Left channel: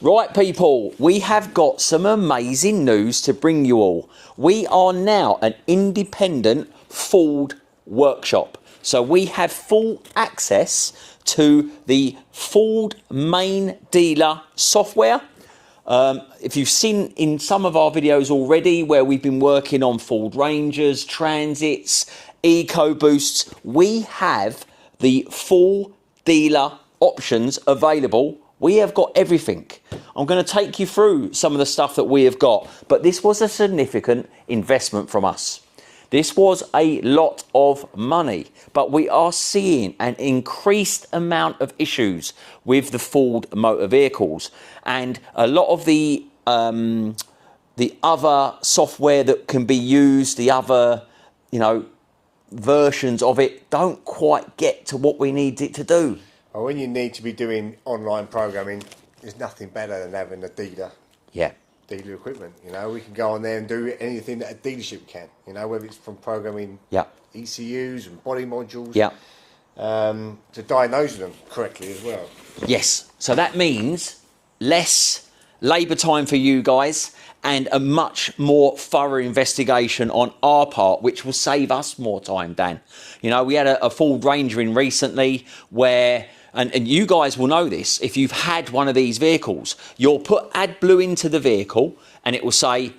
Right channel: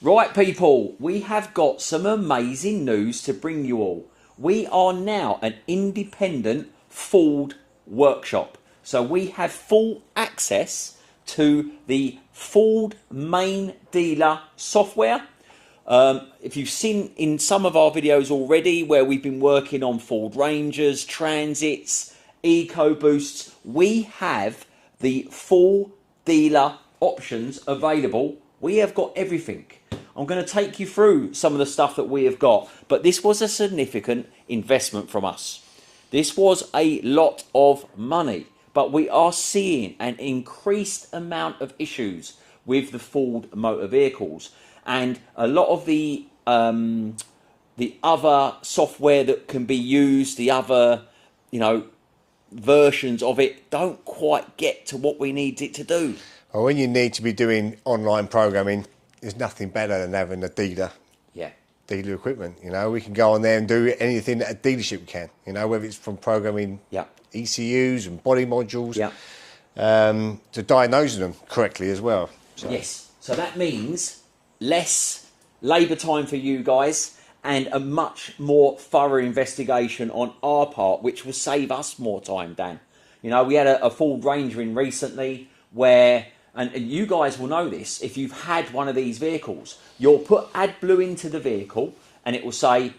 Right, people, we have got some amazing news to bring you all. We are now an independent Ford workshop. So we have full access to the Ford main dealer software. If you've seen in some of our videos already where we've been working on Ford Rangers, Transits, EcoBoosts, we have the full dealer options available. We have got everything. I'm going to take you through some of the stuff that we have got, but this was a significant investment from us. This was a lot of money, but we are seeing an increased amount of issues with the Ford motor vehicles, and a lot of the other software that can be used, the other, versions of it don't quite get to what we need it to do. Well, when you need to be doing online programming, there's nothing better than having a dealer. Yeah. Dealer equipment. We can go on there and do anything that a dealership can. whether it's from programming ECUs and body modules, to diagnosing them correctly as well. Yes. So that means less labour time for you guys and a much more thorough investigation on our part, which will save us more time, Dan. We had a Ford Ranger in recently where, and you guys will know this, if you've had one of these vehicles, you'll put AdBlue into the vehicle and it will say,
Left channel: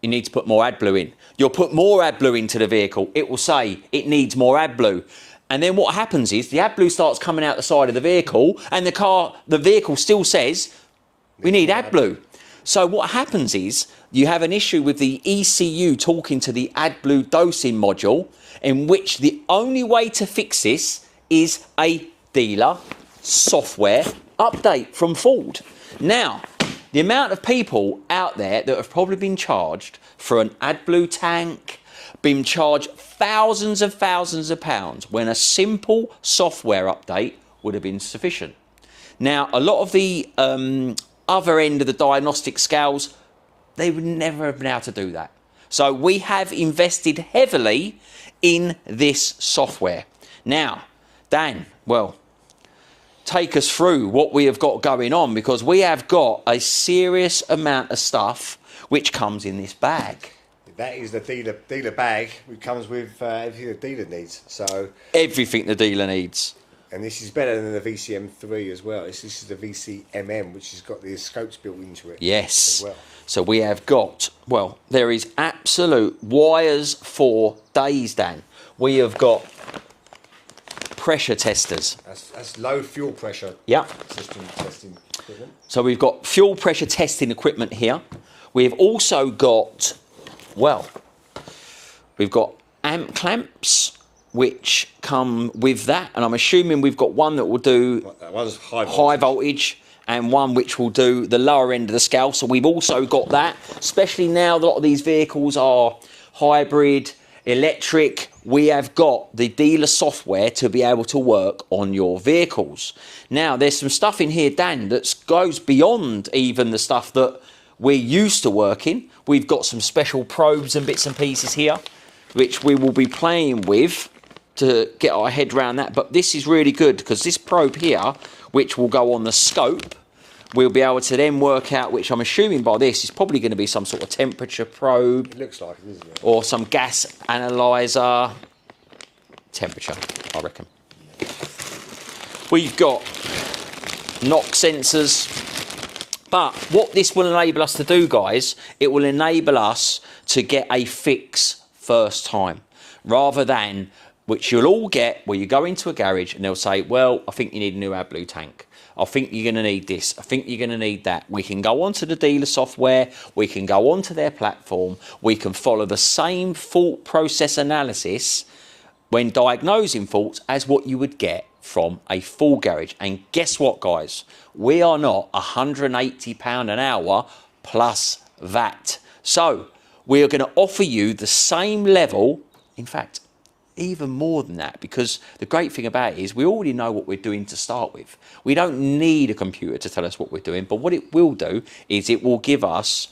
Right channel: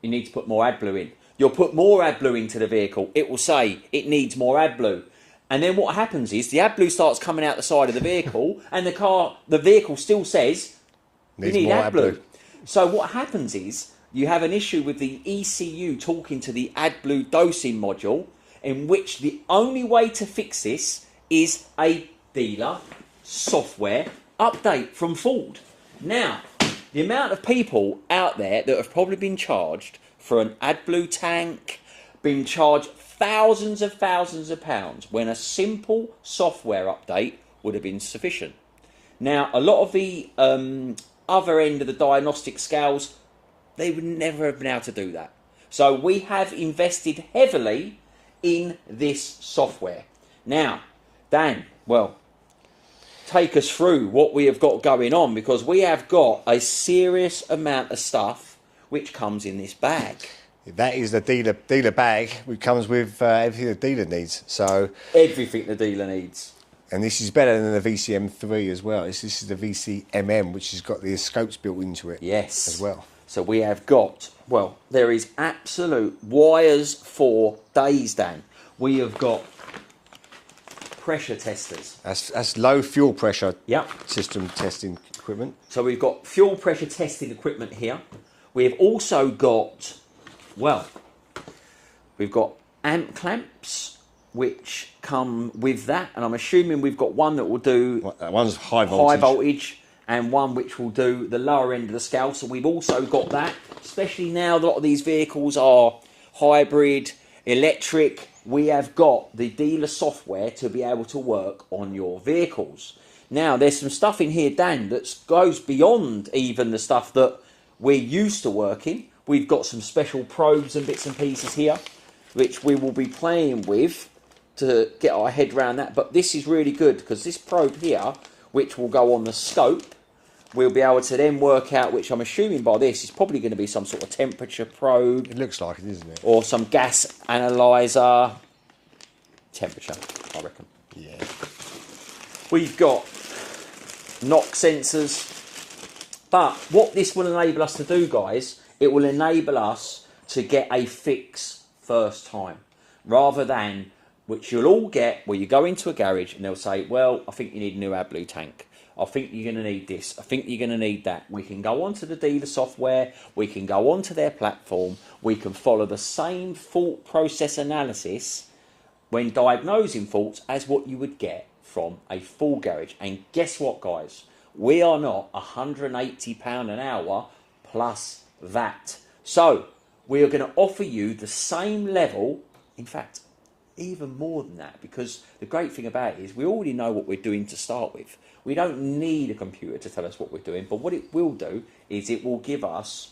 you need to put more AdBlue in. You'll put more AdBlue into the vehicle, it will say, it needs more AdBlue. And then what happens is the AdBlue starts coming out the side of the vehicle and the vehicle still says, we need AdBlue. So what happens is you have an issue with the ECU talking to the AdBlue dosing module, in which the only way to fix this is a dealer software update from Ford. Now, the amount of people out there that have probably been charged for an AdBlue tank, been charged thousands of pounds when a simple software update would have been sufficient. Now, a lot of the other end of the diagnostic scales, they would never have been able to do that. So we have invested heavily in this software. Now, Dan, well, take us through what we have got going on, because we have got a serious amount of stuff which comes in this bag. That is the dealer bag, which comes with everything the dealer needs. So everything the dealer needs. And this is better than the VCM3 as well. This is the VCMM, which has got the scopes built into it. Yes. As well. So we have got, well, there is absolute wires for days, Dan. We have got pressure testers. That's low fuel pressure Yeah. system testing equipment. So we've got fuel pressure testing equipment here. We've also got, well, we've got amp clamps, which come with that, and I'm assuming we've got one that will do one's high voltage and one which will do the lower end of the scale. So we've also got that, especially now that a lot of these vehicles are hybrid, electric. We have got the dealer software to be able to work on your vehicles. Now, there's some stuff in here, Dan, that goes beyond even the stuff that we're used to working. We've got some special probes and bits and pieces here, which we will be playing with to get our head around that. But this is really good, because this probe here, which will go on the scope, we'll be able to then work out, which I'm assuming by this is probably going to be some sort of temperature probe. It looks like it, isn't it? Or some gas analyzer. Temperature, I reckon. Yeah. We've got knock sensors. But what this will enable us to do, guys, it will enable us to get a fix first time, rather than, which you'll all get, where you go into a garage and they'll say, well, I think you need a new AdBlue tank. I think you're going to need this. I think you're going to need that. We can go onto the dealer software. We can go onto their platform. We can follow the same fault process analysis when diagnosing faults as what you would get from a full garage. And guess what, guys? We are not £180 an hour plus VAT. So we are going to offer you the same level, in fact, even more than that, because the great thing about it is we already know what we're doing to start with. We don't need a computer to tell us what we're doing, but what it will do is it will give us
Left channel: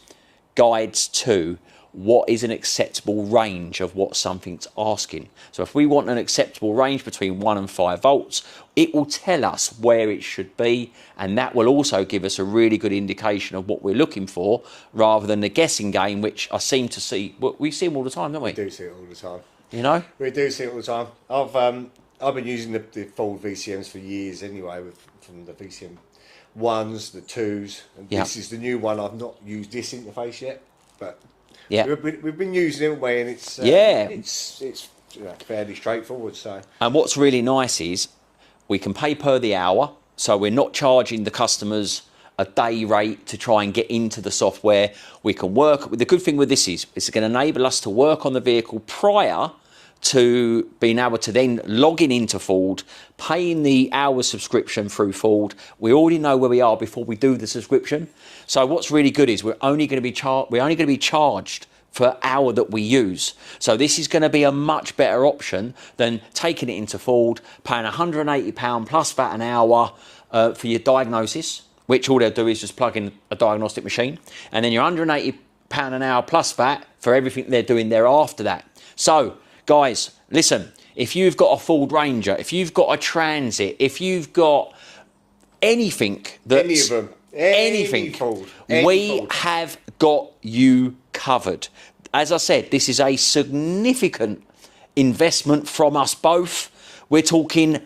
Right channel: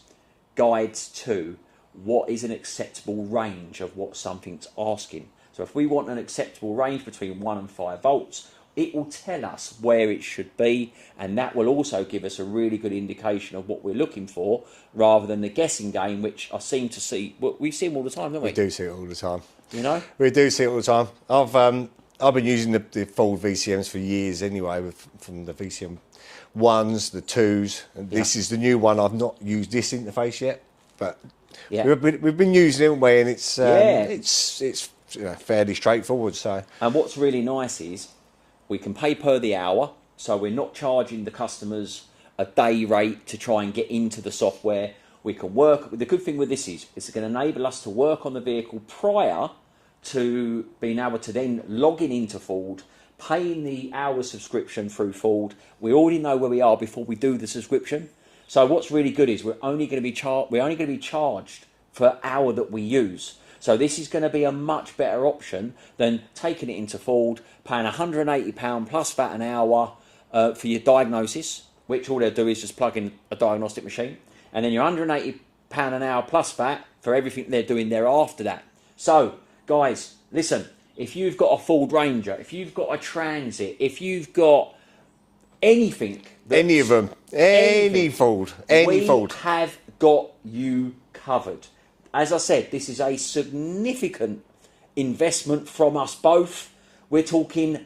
guides to what is an acceptable range of what something's asking. So if we want an acceptable range between 1 and 5 volts, it will tell us where it should be, and that will also give us a really good indication of what we're looking for, rather than the guessing game, which I seem to see. We see them all the time, don't we? We do see it all the time. You know? We do see it all the time. I've been using the Ford VCMs for years anyway, from the VCM 1s, the 2s, and this is the new one. I've not used this interface yet, but we've been using it anyway, and it's fairly straightforward. So, and what's really nice is we can pay per the hour, so we're not charging the customers a day rate to try and get into the software. We can work. The good thing with this is it's going to enable us to work on the vehicle prior to being able to then logging into Ford, paying the hour subscription through Ford. We already know where we are before we do the subscription. So what's really good is we're only going to be charged for hour that we use. So this is going to be a much better option than taking it into Ford, paying £180 plus VAT an hour for your diagnosis, which all they'll do is just plug in a diagnostic machine, and then you're £180 an hour plus VAT for everything they're doing there after that. So guys, listen, if you've got a Ford Ranger, if you've got a Transit, if you've got anything, any of them, any Ford, we have got you covered. As I said, this is a significant investment from us both. We're talking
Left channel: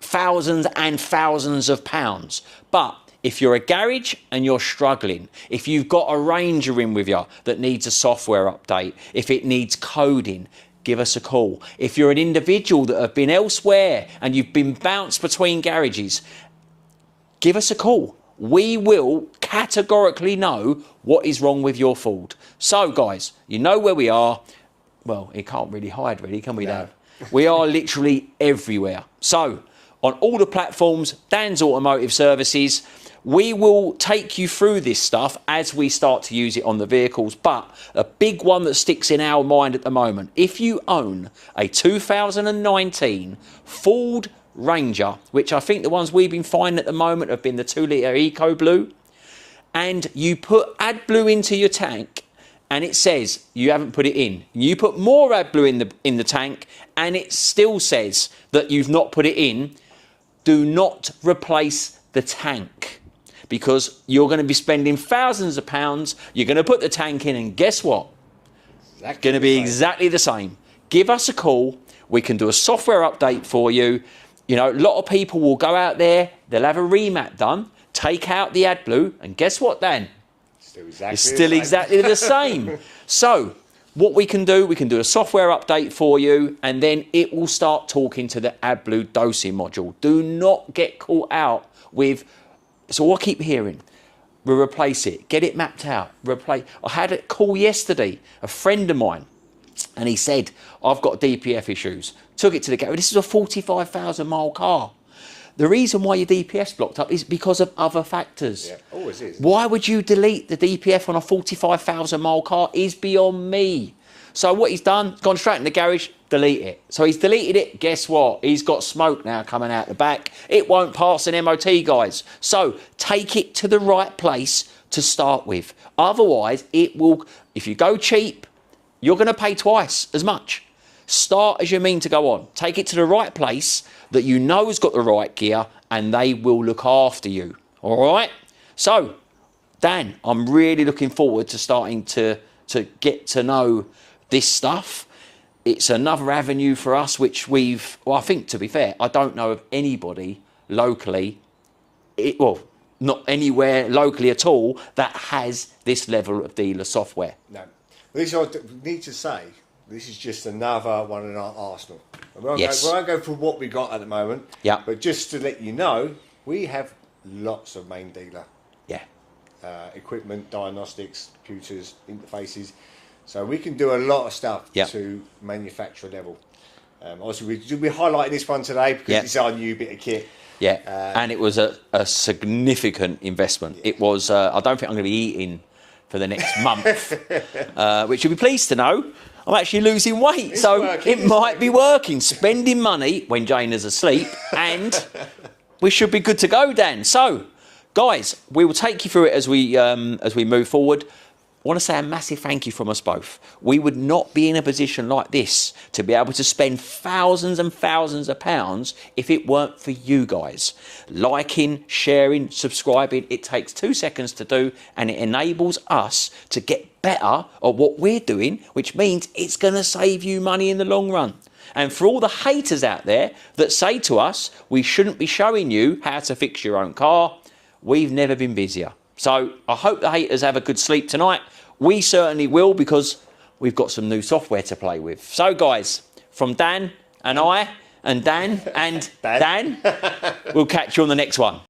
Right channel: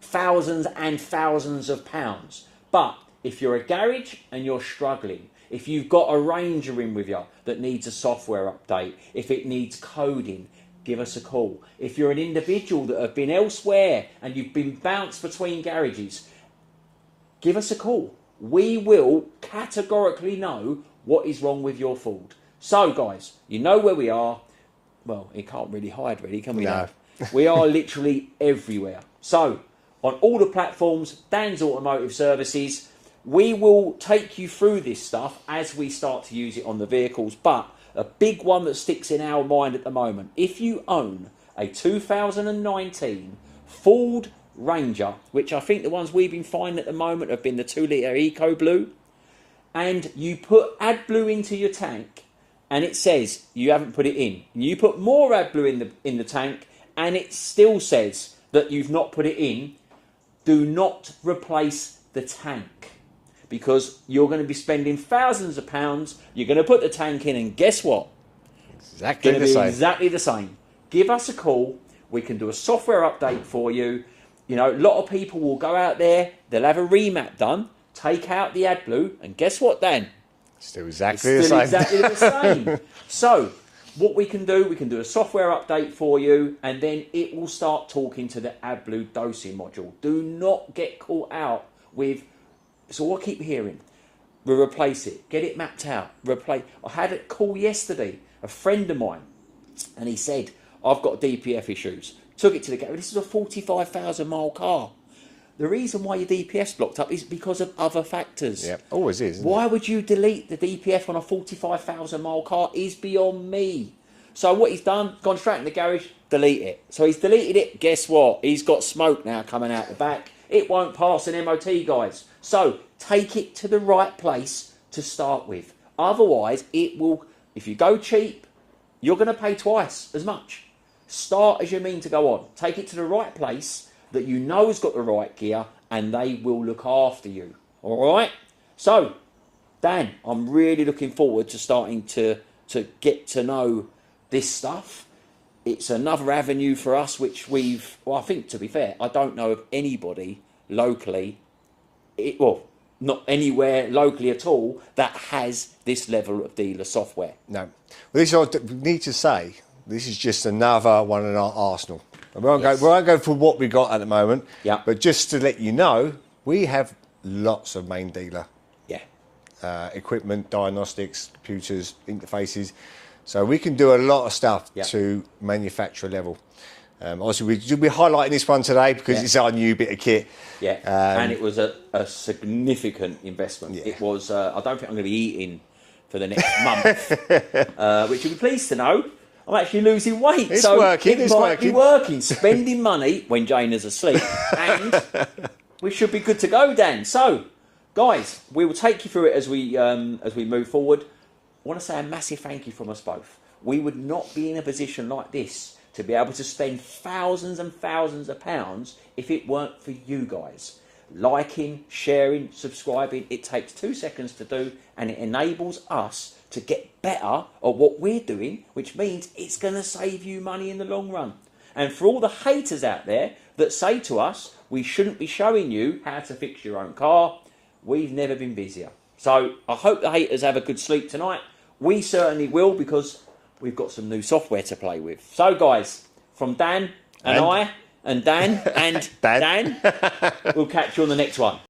thousands and thousands of pounds. But if you're a garage and you're struggling, if you've got a Ranger in with you that needs a software update, if it needs coding, give us a call. If you're an individual that have been elsewhere and you've been bounced between garages, give us a call. We will categorically know what is wrong with your Ford. So guys, you know where we are. Well, it can't really hide, really, can we? No. We are literally everywhere. So on all the platforms, Dans Automotive Services, we will take you through this stuff as we start to use it on the vehicles. But a big one that sticks in our mind at the moment, if you own a 2019 Ford Ranger, which I think the ones we've been finding at the moment have been the 2-litre EcoBlue, and you put AdBlue into your tank and it says you haven't put it in, you put more AdBlue in the tank and it still says that you've not put it in, do not replace the tank, because you're going to be spending thousands of pounds. You're going to put the tank in, and guess what? Exactly going to be exactly the same. Give us a call. We can do a software update for you. You know, a lot of people will go out there, they'll have a remap done, take out the AdBlue, and guess what, Dan? Still exactly the same. So what we can do a software update for you, and then it will start talking to the AdBlue dosing module. Do not get caught out with, so I keep hearing, we'll replace it, get it mapped out, replace. I had a call yesterday, a friend of mine, and he said, I've got DPF issues. Took it to the garage. This is a 45,000 mile car. The reason why your DPF's blocked up is because of other factors. Yeah, always is. Why would you delete the DPF on a 45,000 mile car is beyond me. So what he's done, gone straight in the garage, delete it. So he's deleted it. Guess what? He's got smoke now coming out the back. It won't pass an MOT, guys. So take it to the right place to start with. Otherwise, it will, if you go cheap, you're going to pay twice as much. Start as you mean to go on. Take it to the right place that you know has got the right gear, and they will look after you. All right? So, Dan, I'm really looking forward to starting to get to know this stuff. It's another avenue for us, which we've, well, I think, to be fair, I don't know of anybody locally, not anywhere locally at all, that has this level of dealer software. No. Well, this is what I need to say. This is just another one in our arsenal. We won't go for what we got at the moment. Yeah. But just to let you know, we have lots of main dealer equipment, diagnostics, computers, interfaces. So we can do a lot of stuff to manufacturer level. Obviously, we'll be highlighting this one today because it's our new bit of kit. Yeah, and it was a significant investment. It was, I don't think I'm going to be eating for the next month, which you'll be pleased to know. I'm actually losing weight, it might be working. Spending money when Jane is asleep, and we should be good to go, Dan. So, guys, we will take you through it as we move forward. want to say a massive thank you from us both. We would not be in a position like this to be able to spend thousands and thousands of pounds if it weren't for you guys. Liking, sharing, subscribing, it takes 2 seconds to do, and it enables us to get better at what we're doing, which means it's going to save you money in the long run. And for all the haters out there that say to us, we shouldn't be showing you how to fix your own car, we've never been busier. So I hope the haters have a good sleep tonight. We certainly will, because we've got some new software to play with. So guys, from Dan and I and Dan and Dan, we'll catch you on the next one.